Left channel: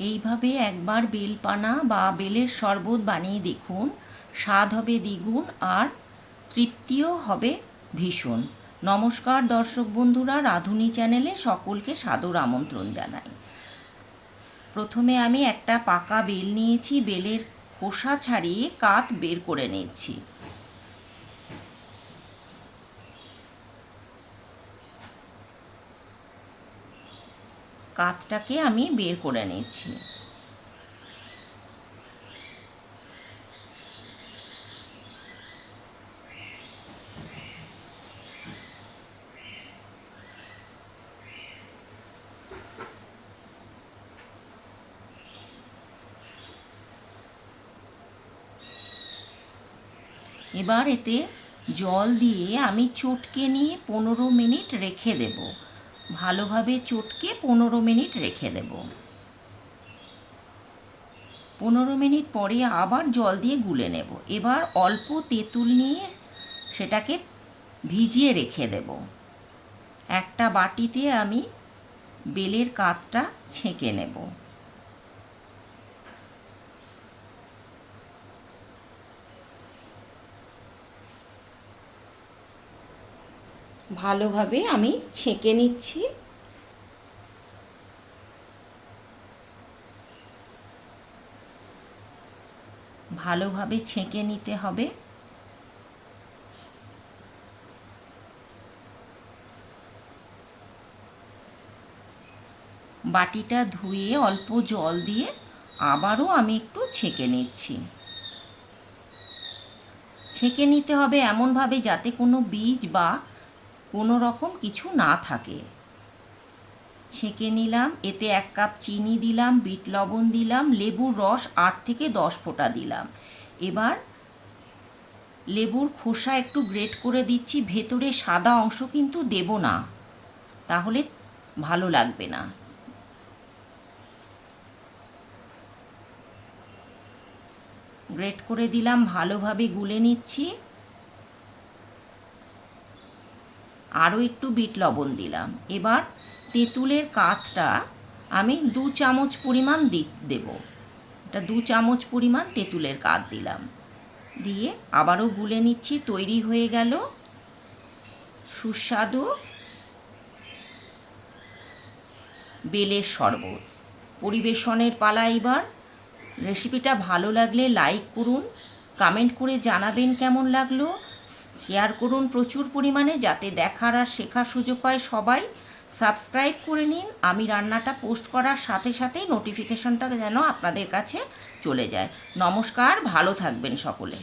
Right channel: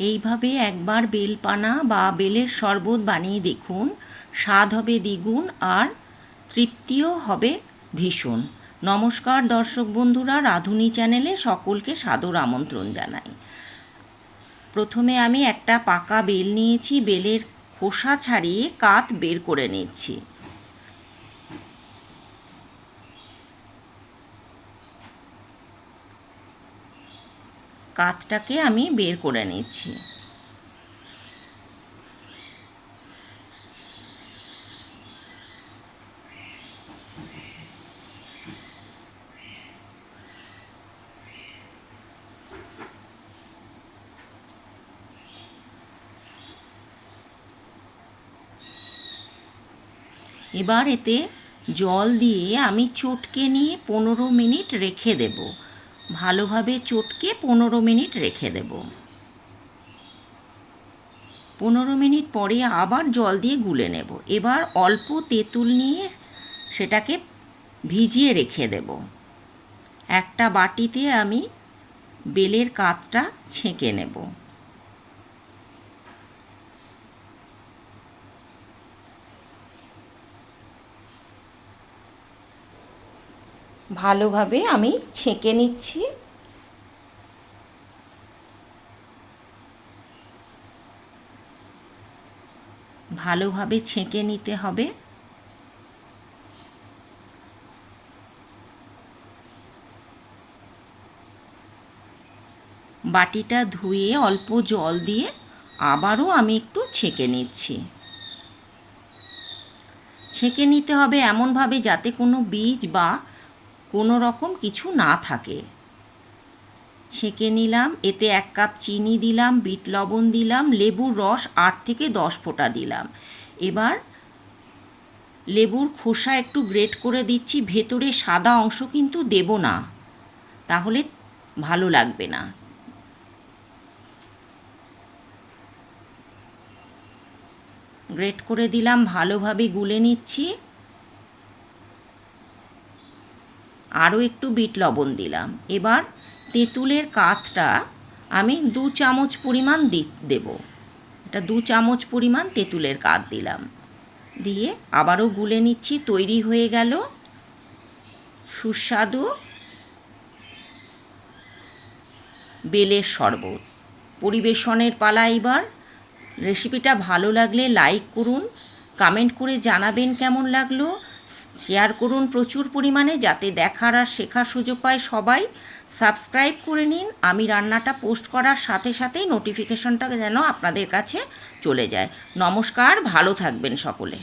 এইভাবে একবার বেলপানা বা বেলের শরবত বানিয়ে দেখুন, স্বাদ হবে দ্বিগুণ আর তৃপ্তিও হবে ভীষণ। নমস্কার দর্শক বন্ধুরা, রাঁধুনি চ্যানেলে সকলকে সাদর আমন্ত্রণ জানাই। প্রথমে আমি একটা পাকা বেল নিয়েছি, বেলের খোসা ছাড়িয়ে কাত বের করে নিচ্ছি। কাতটাকে আমি বের করে নিচ্ছি। এবার এতে জল দিয়ে আমি চটকে নিয়ে 15 মিনিট রেখে দেব। ভালোভাবে চটকে 15 মিনিট রেখে দেব। 15 মিনিট পরে আবার জল দিয়ে গুলে নেব। এবার অল্প তেঁতুল নিয়ে সেটাকে ভিজিয়ে রেখে দেব। একটা বাটিতে আমি বেলের কাতটা ছেঁকে নেব। ভালোভাবে আমি ছেঁকে নিচ্ছি। ভালোভাবে ছেঁকে নিতে হবে। বাটিটা ধুয়ে অল্প জল দিয়ে আবারও আমি একটু ছেঁকে নিচ্ছি। ছেঁকে নিতে হবে এমনভাবে যাতে কোনো বীজ বা কোনো রকম কিছু না থাকে। ছেঁকে নিলাম। এতে 1 কাপ চিনি দিলাম, বিট লবণ দিলাম, লেবুর রস 8 থেকে 10 ফোঁটা দিলাম। এবার লেবুর খোসা একটু গ্রেট করে দিচ্ছি। ভেতরে সাদা অংশ কিন্তু দেব না, তাহলে ভালো লাগবে না। গ্রেট করে দিলাম, ভালোভাবে গুলে নিচ্ছি। আরও একটু বিট লবণ দিলাম। এবার তেঁতুলের কাতটা আমি 2 চামচ পরিমাণ দেব। এটা 2 চামচ পরিমাণ তেঁতুলের কাত দিলাম। দিয়ে আবারও গুলে নিচ্ছি। তৈরি হয়ে গেল সুস্বাদু বেলের শরবত। পরিবেশনের পালা এবার। রেসিপিটা ভালো লাগলে লাইক করুন, কমেন্ট করে জানাবেন কেমন লাগলো, শেয়ার করুন প্রচুর পরিমাণে যাতে দেখার আর শেখার সুযোগ পায় সবাই। সাবস্ক্রাইব করে নিন। আমি রান্নাটা পোস্ট করার সাথে সাথেই নোটিফিকেশনটা যেন আপনাদের কাছে চলে যায়। নমস্কার, ভালো থাকবেন সকলে।